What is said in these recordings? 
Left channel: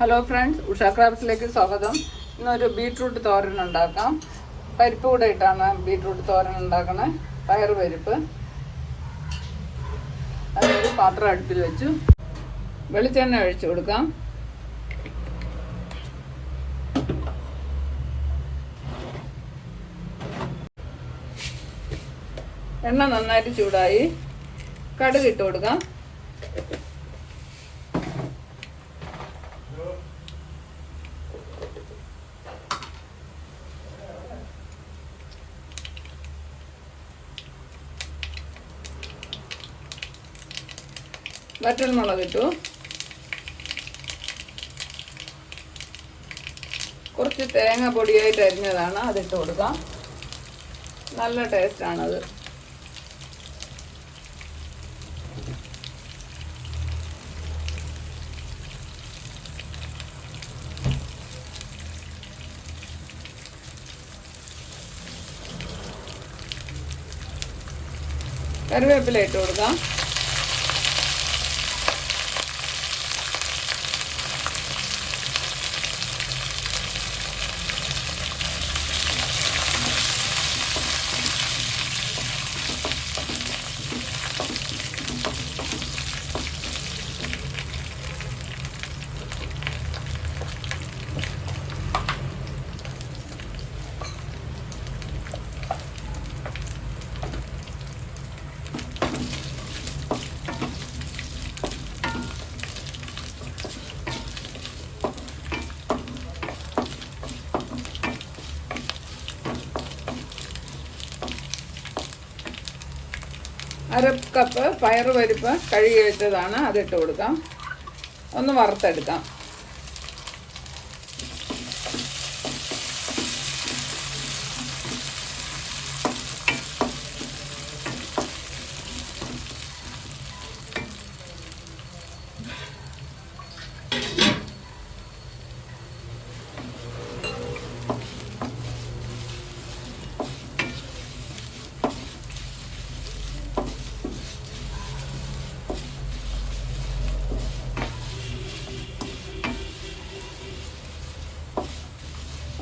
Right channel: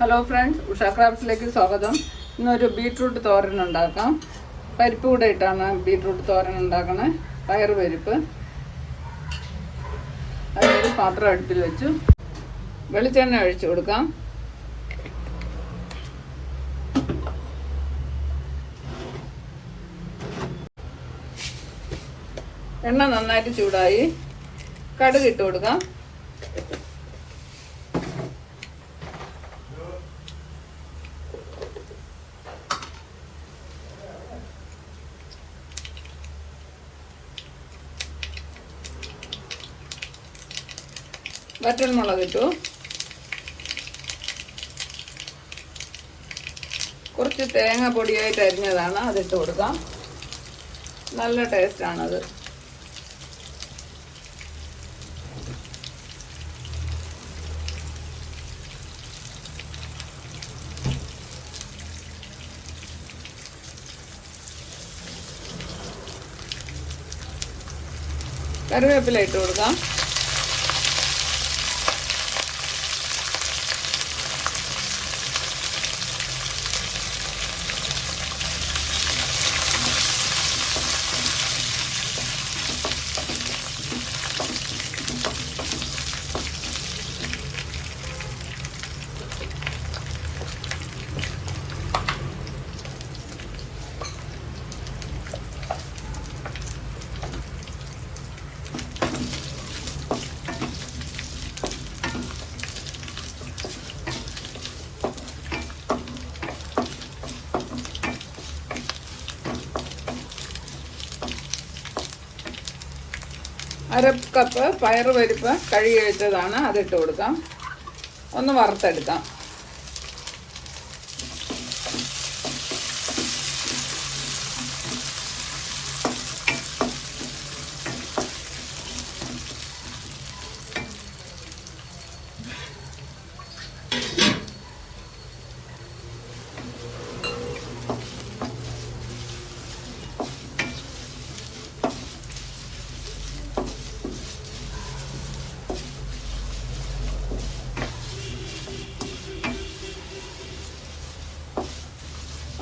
Hello friends, Usha ക്രാഫ്റ്റ്സിലേക്ക് സ്വാഗതം. ഇന്നൊരു beetroot തോരൻ ഉണ്ടാക്കാം. പരിപ്പ് കൂടെ ഇട്ടാണ് ബീട്രൂട്ട് തോരൻ ഉണ്ടാക്കണേ. പയറ് പരിപ്പ്. അതിനൊരു പാത്രം അടുപ്പിൽ വെച്ചു വെളിച്ചെണ്ണ ഒഴിച്ചു കൊടുക്കാം. എണ്ണ നന്നായിട്ട് ചൂടായി. കടുക് ഇട്ട് കൊടുക്കാം. വറ്റൽമുളക് ഇട്ടു. കുറച്ച് തേങ്ങ പൊടിയായിട്ട് അരിഞ്ഞതാണ്, അതിട്ട് കൊടുക്കാം. നല്ല ടേസ്റ്റ് ആണത്. കറിവേപ്പില ഇട്ട് കൊടുക്കാം. അര കപ്പ് പയറ് പരിപ്പ് കഴുകി വെച്ചതാണ്, അതിട്ട് കൊടുക്കാം. ഒന്ന് വറുത്തെടുക്കാം.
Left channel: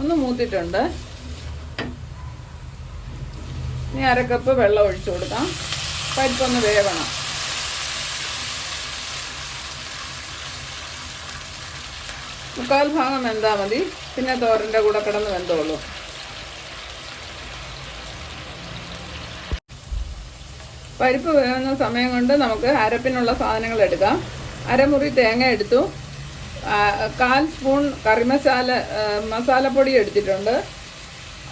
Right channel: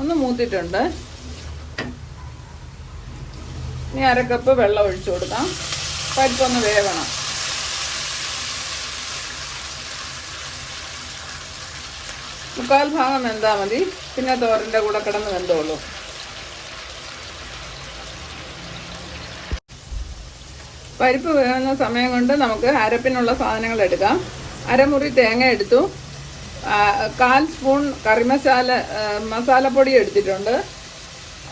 ഒന്ന് മൂത്തിട്ടുണ്ട്. ഇനി അര കപ്പ് വെള്ളം ഒഴിച്ചു കൊടുക്കാം. പരിപ്പൊന്ന് വേവണം. മുക്കാൽ ഭാഗം വെന്താൽ മതി, പിന്നെ തോരൻ്റെ കൂടെ കിടന്ന് വെന്തോളൂ. പരിപ്പ് വേവുന്ന സമയം കൊണ്ട് നമുക്ക് അരപ്പിനുള്ള സാധനങ്ങൾ എടുക്കാം. അരമുറി തേങ്ങ എടുത്തു. 1/4 സ്പൂൺ മസാലപ്പൊടി എടുത്തിട്ടുണ്ട്.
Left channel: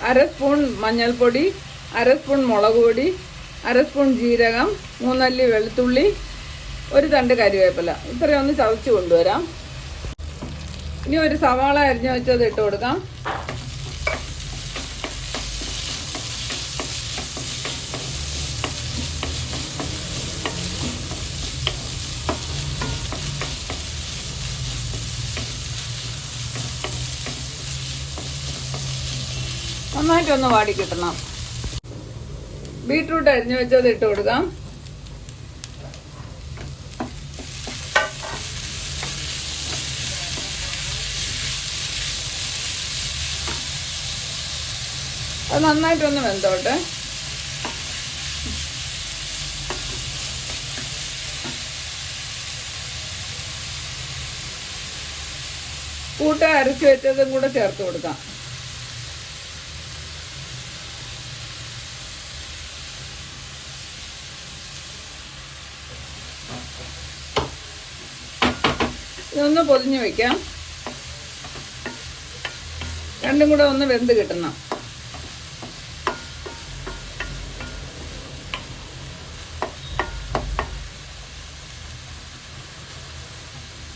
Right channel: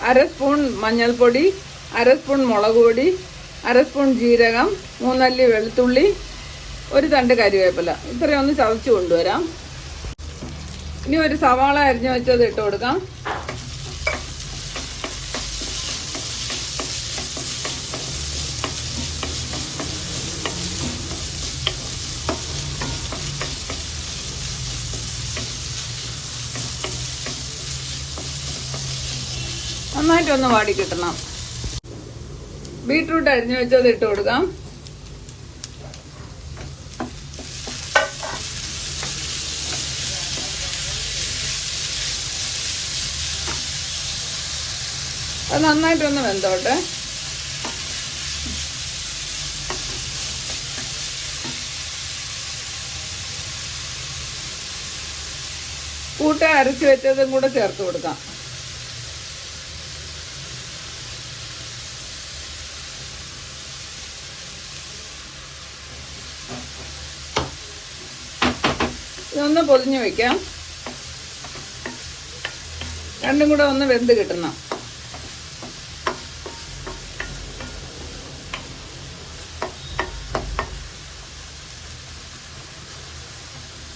1/2 സ്പൂൺ മഞ്ഞൾപ്പൊടി, 1/2 സ്പൂൺ മുളക് പൊടി, 1/2 സ്പൂൺ ജീരകം, 3 അല്ലി വെളുത്തുള്ളി, 1 തണ്ട് കരിവേപ്പില. ഇത്രയൊന്ന് ചതച്ച് കൊണ്ടുവരാം. ഇനി ഒരു സവാള അരിഞ്ഞു വെച്ചത് ഇട്ട് കൊടുക്കാം. നന്നായിട്ടൊന്ന് വാടി കിട്ടണം. ബീട്രൂട്ട് അരിഞ്ഞു വെച്ചത് ഇട്ട് കൊടുക്കാം. അത് നന്നായിട്ടൊന്ന് വെന്തോട്ടെ. കൂട്ട് അരച്ചു വെച്ചതും കൂടെ ചേർത്ത് കൊടുക്കാം. ഇതൊന്ന് പൊളിഞ്ഞു വയ്ക്കാം. രണ്ടും കൂടെ ഒന്ന് വെന്ത് കിട്ടണം.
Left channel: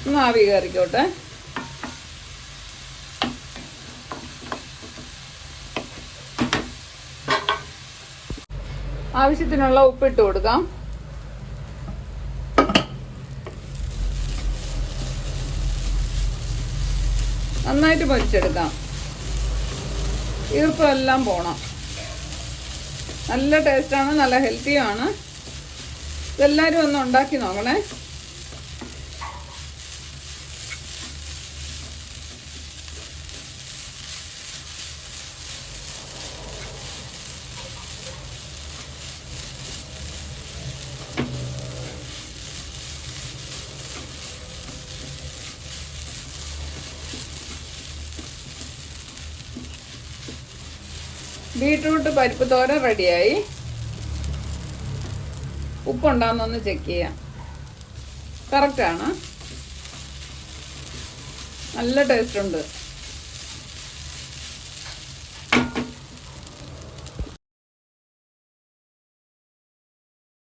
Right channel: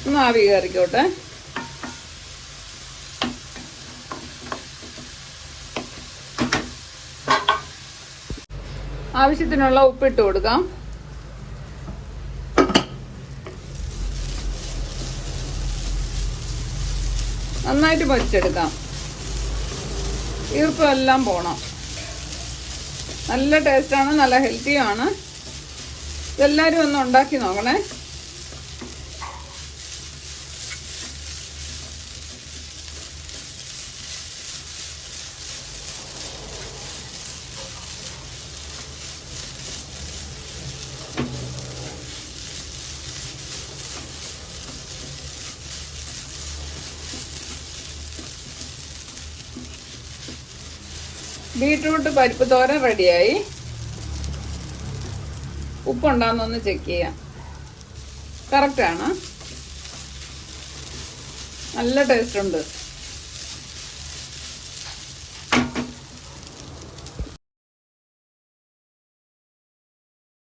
ഒന്ന് ആവി കയറിക്കോട്ടെ. ആവശ്യത്തിനുള്ള ഉപ്പിട്ട് കൊടുക്കാം. നന്നായിട്ട് പൊരിച്ചെടുക്കാം. ഈർപ്പെല്ലാം പോണം. നല്ല ടേസ്റ്റാണ്, നല്ല ഹെൽത്തിയാണ്. ഇതെല്ലാവരും ഒന്ന് ഉണ്ടാക്കി നോക്കണേ. ബീട്രൂട്ട് പരിപ്പ് തോരൻ റെഡിയായി. ഉപ്പുണ്ടാകുന്നൊന്ന് ചെക്ക് ചെയ്യാം. കറക്റ്റാണ്, നല്ല ടേസ്റ്റ് ഉണ്ട്.